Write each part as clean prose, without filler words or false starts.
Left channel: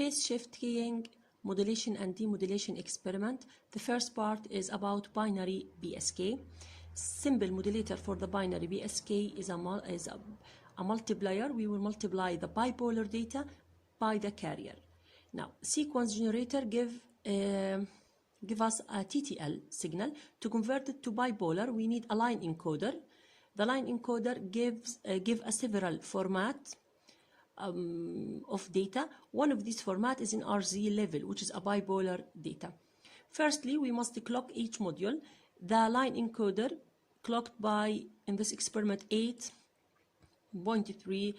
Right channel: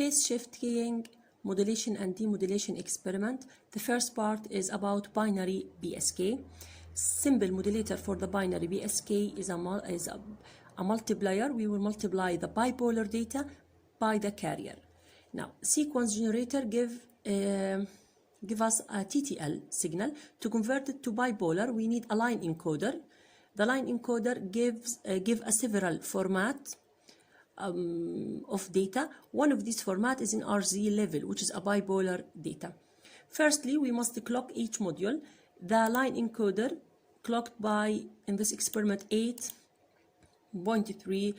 phase shift keying, modulation and demodulation experiment. The first part is about binary BSK. Simple modulator for the binary BSK is a multiplier. We will multiply the bipolar data by the carrier. Now, sequence generator give us a TTL signal. To convert it to bipolar, we need a line encoder. The line encoder gives a several format of data. One of these formats is in RZ level, which is a bipolar data. Firstly, we must clock each module. The line encoder clocked by, in this experiment, 8.3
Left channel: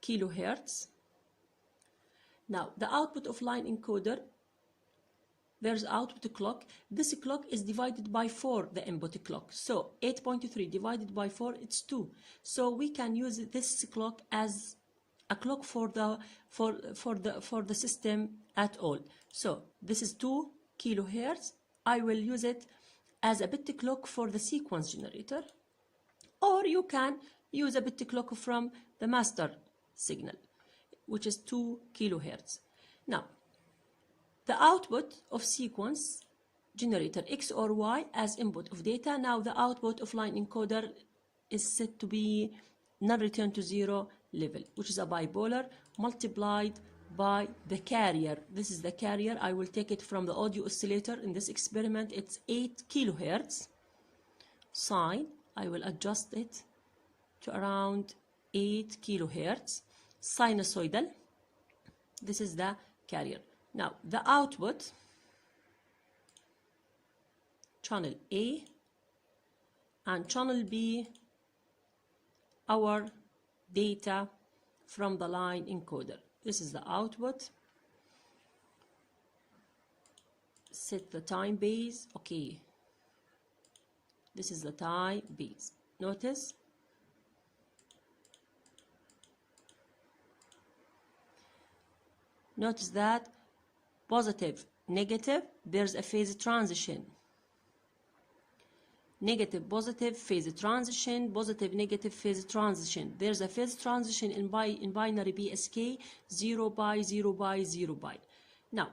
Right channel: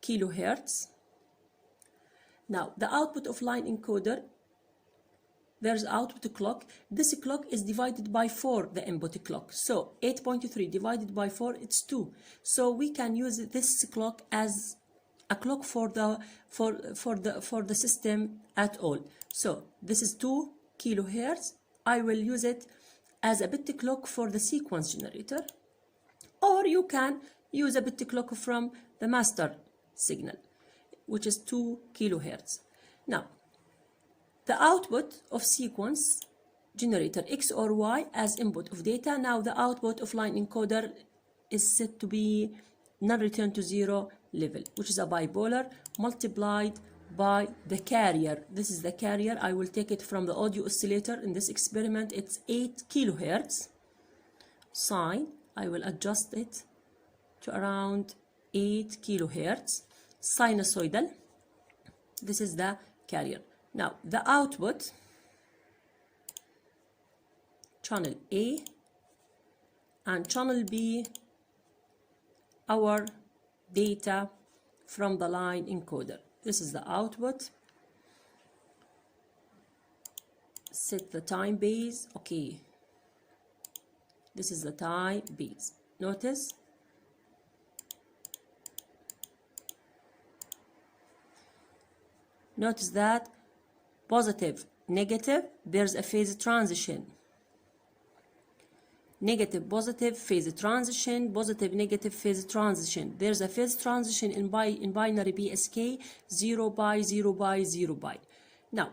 kilohertz. Now, the output of line encoder, there's output clock. This clock is divided by 4, the input clock. So 8.3 divided by 4, it's 2. So we can use this clock as a clock for the system at all. So this is 2 kilohertz. I will use it as a bit clock for the sequence generator, or you can use a bit clock from the master signal, which is 2 kilohertz. Now, the output of sequence generator X or Y as input of data. Now the output of line encoder is set to be non-return to zero level, which is a bipolar multiplied by the carrier. This is the carrier. I will take it from the audio oscillator. In this experiment, it's 8 kilohertz. Sine, I will adjust it to around 8 kilohertz. Sinusoidal, this is the carrier. Now, the output, channel A and channel B, our data from the line encoder. This is the output. Set the time base. Okay. This is the time base. Notice. Notice that positive, negative, there's a phase transition. Negative, positive, phase transition, positive, negative, phase transition. There's a phase transition in binary BSK, 0 by 0 by 0 by. Now,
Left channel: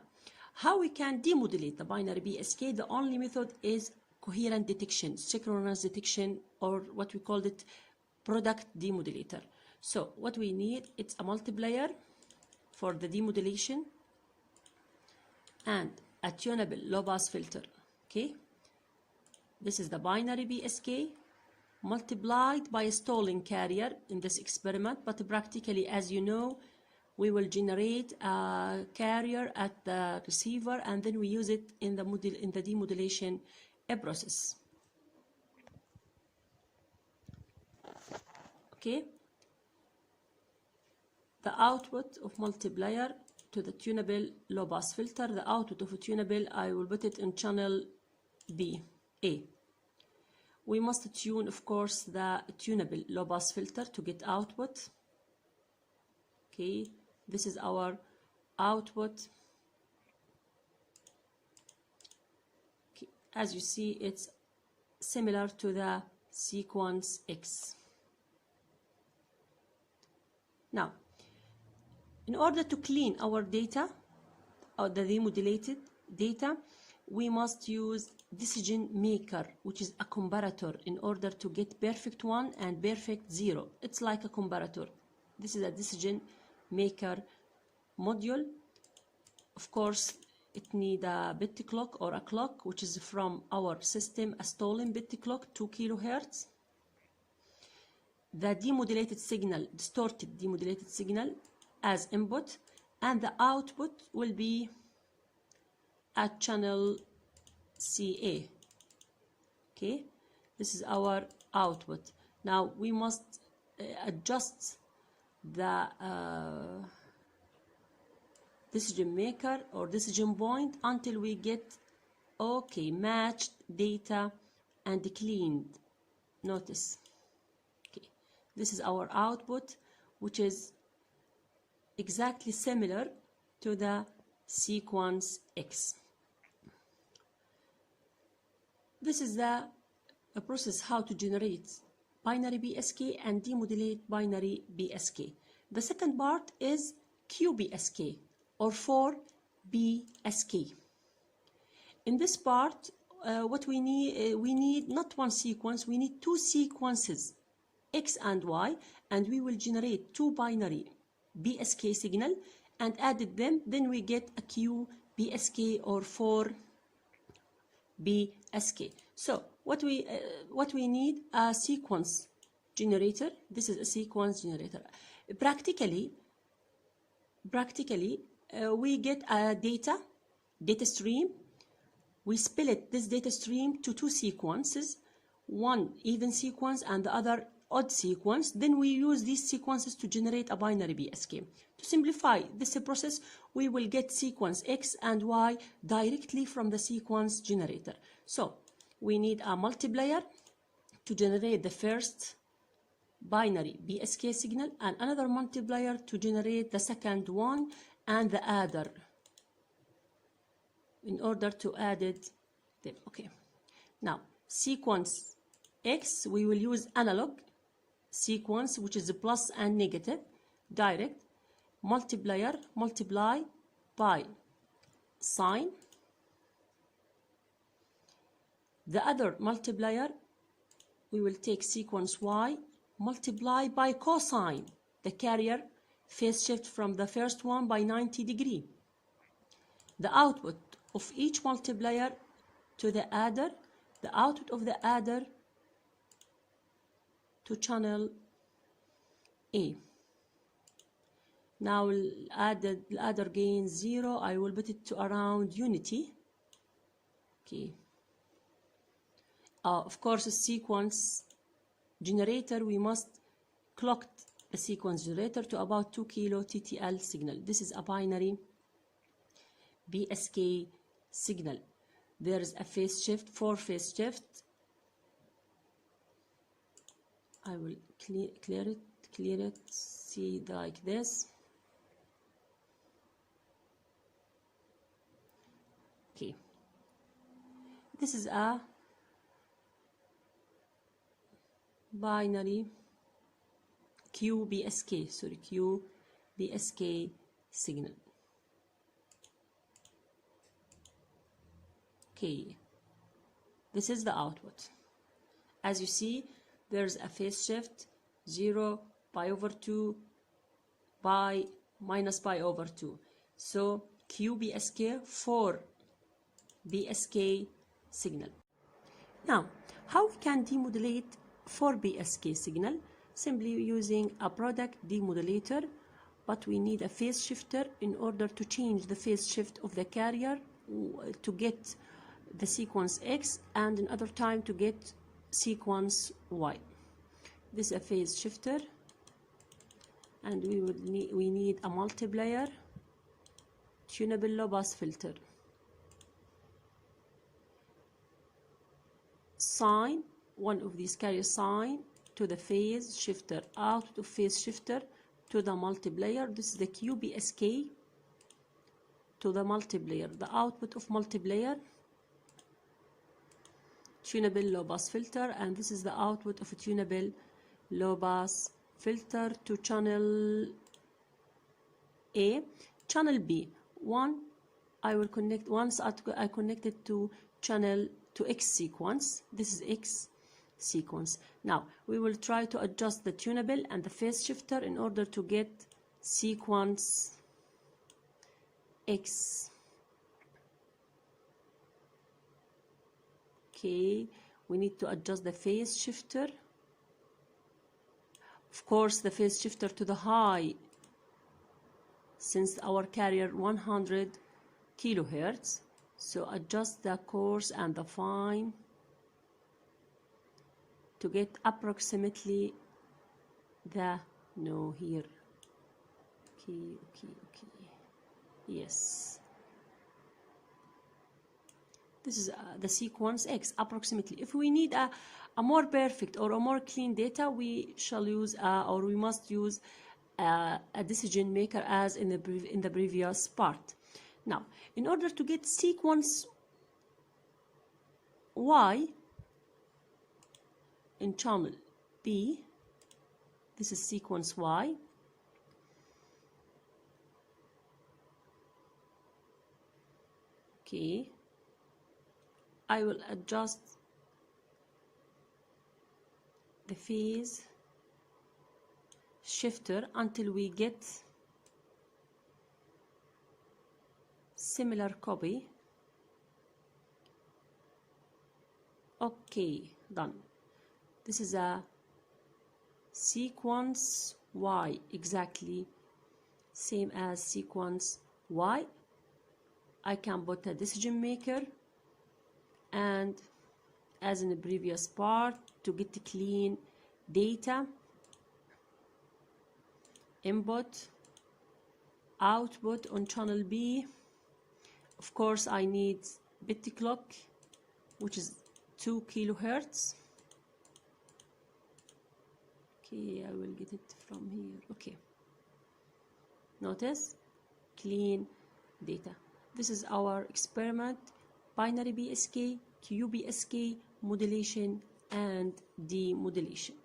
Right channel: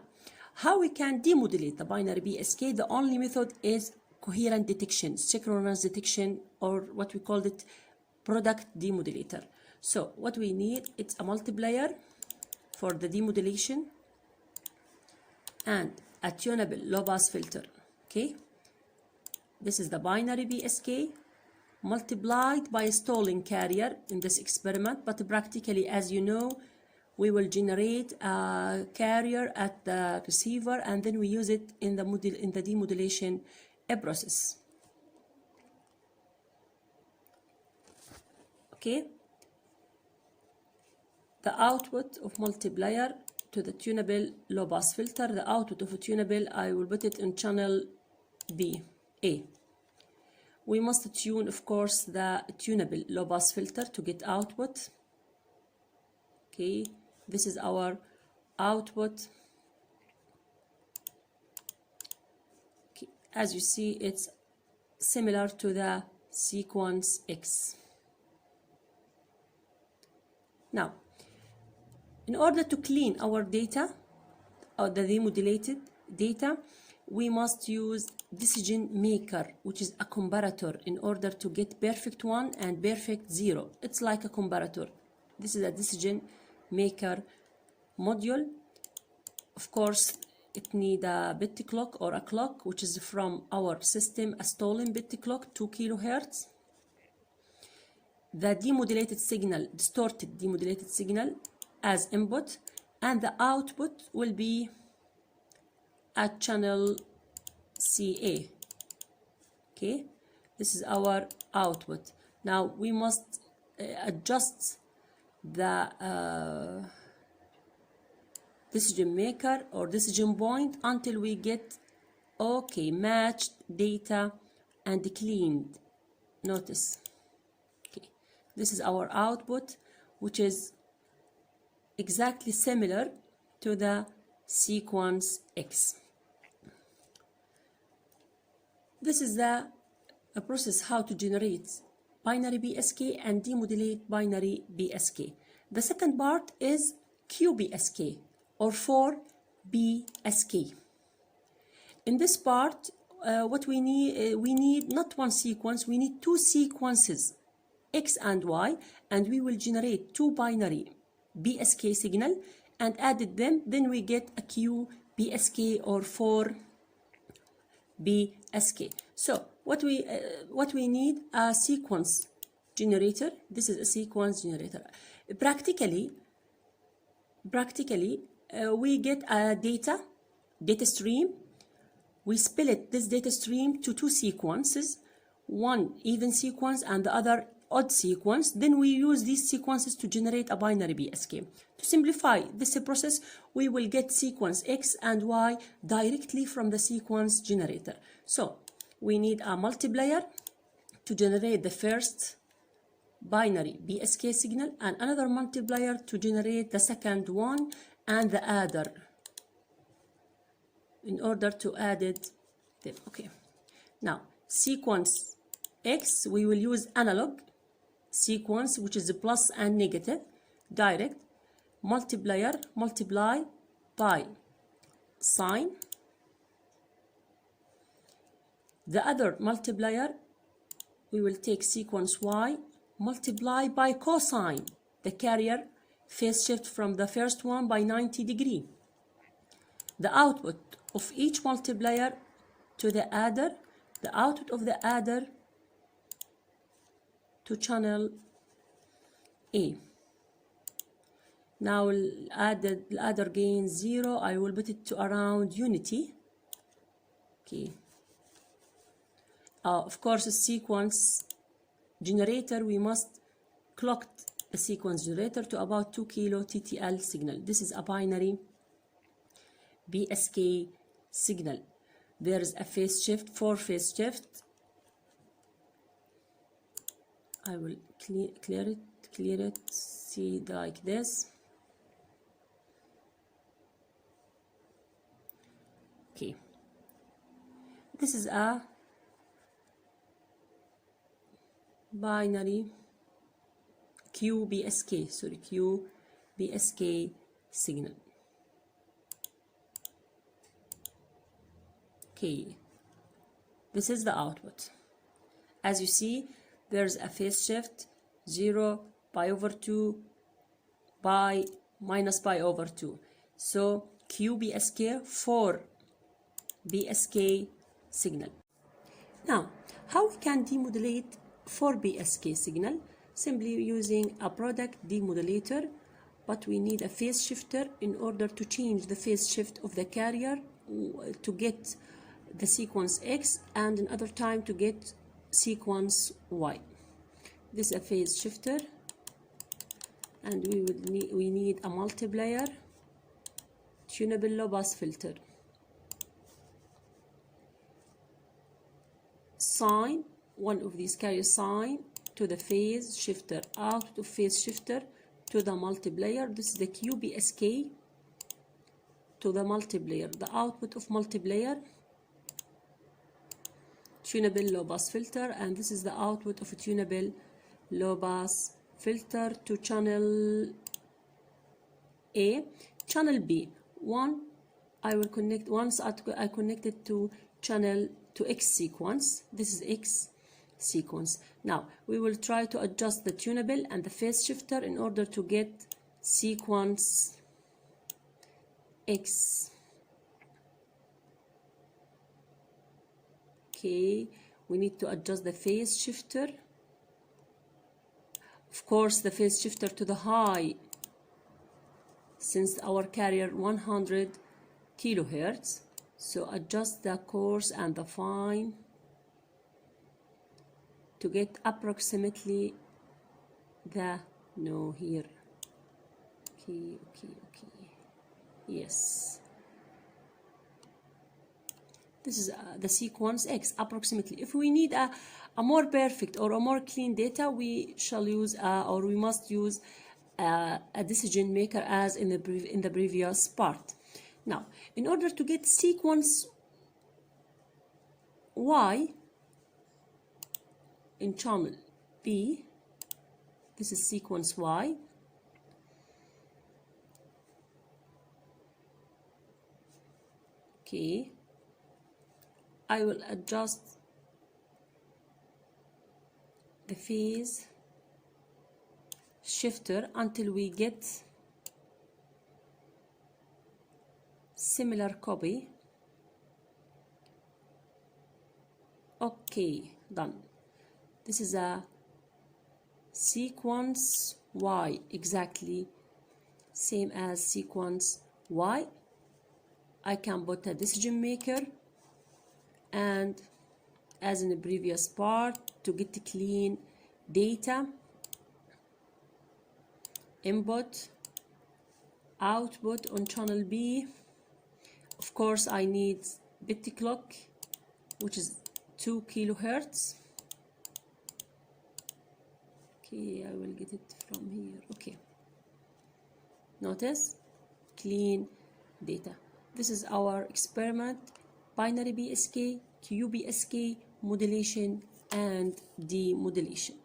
how we can demodulate the binary BSK? The only method is coherent detection, synchronous detection, or what we call it, product demodulator. So what we need, it's a multiplier for the demodulation and a tunable low-pass filter. Okay, this is the binary BSK multiplied by a stalling carrier in this experiment, but practically, as you know, we will generate a carrier at the receiver and then we use it in the demodulation process. Okay, the output of multiplier to the tunable low pass filter, the output of a tunable, I will put it in channel B, A. We must tune, of course, the tunable low pass filter to get output. Okay, this is our output. Okay. As you see, it's similar to the sequence X. Now, in order to clean our data, or the demodulated data, we must use decision maker, which is a comparator, in order to get perfect 1 and perfect 0. It's like a comparator. This is a decision maker module. Of course, it needs a bit clock or a clock, which is from our system, a stolen bit clock, 2 kilohertz. The demodulated signal, distorted demodulated signal as input, and the output will be at channel CA. Okay, this is our output. Now we must adjust the decision maker or decision point until we get okay matched data and cleaned. Notice, okay, this is our output, which is exactly similar to the sequence X. This is the process how to generate binary BSK and demodulate binary BSK. The second part is QPSK, or for BSK. In this part, what we need not one sequence, we need two sequences, X and Y, and we will generate two binary BSK signal and added them, then we get a QPSK or 4BSK. So what we need, a sequence generator. This is a sequence generator. Practically, we get a data stream. We split this data stream to two sequences, one even sequence and the other odd sequence. Then we use these sequences to generate a binary BSK. To simplify this process, we will get sequence X and Y directly from the sequence generator. So we need a multiplier to generate the first binary BSK signal and another multiplier to generate the second one and the adder in order to add it them. Okay, now sequence X, we will use analog sequence, which is the plus and negative, direct multiplier, multiply by sine. The other multiplier, we will take sequence Y, multiply by cosine, the carrier phase shift from the first one by 90 degrees. The output of each multiplier to the adder, the output of the adder to channel A. Now the adder gain 0, I will put it to around unity. Okay. Of course, a sequence generator, we must clock a sequence generator to about 2 kilo TTL signal. This is a binary BSK signal. There is a phase shift, 4 phase shift. I will clear it, see like this. Okay, this is a binary QPSK signal. Okay, this is the output. As you see, there's a phase shift 0, pi over 2, pi minus pi over 2. So QPSK 4 BSK signal. Now, how we can demodulate 4 BSK signal? Simply using a product demodulator, but we need a phase shifter in order to change the phase shift of the carrier to get the sequence X and another time to get sequence Y. This is a phase shifter, and we need a multiplier, tunable low pass filter, sine, one of these carrier sine to the phase shifter, out to phase shifter to the multiplier. This is the QPSK to the multiplier, the output of multiplier, tunable low pass filter, and this is the output of a tunable low pass filter to channel A. Channel B, I will connect once I connect it to channel to X sequence. This is X sequence. Now we will try to adjust the tunable and the phase shifter in order to get sequence X. Okay, we need to adjust the phase shifter. Of course, the phase shifter to the high, since our carrier 100 kilohertz. So adjust the coarse and the fine to get approximately the, no, here. Okay. Yes. This is the sequence X approximately. If we need a more perfect or a more clean data, we shall use or we must use a decision maker as in the previous part. Now, in order to get sequence Y in channel B, this is sequence Y. Okay, I will adjust the phase shifter until we get similar copy. Okay, done. This is a sequence Y, exactly same as sequence Y. I can put a decision maker, and as in the previous part, to get clean data, input, output on channel B. Of course, I need bit clock, which is 2 kilohertz. Okay, I will get it from here. Okay, notice clean data. This is our experiment: binary BSK, QPSK, modulation, and demodulation.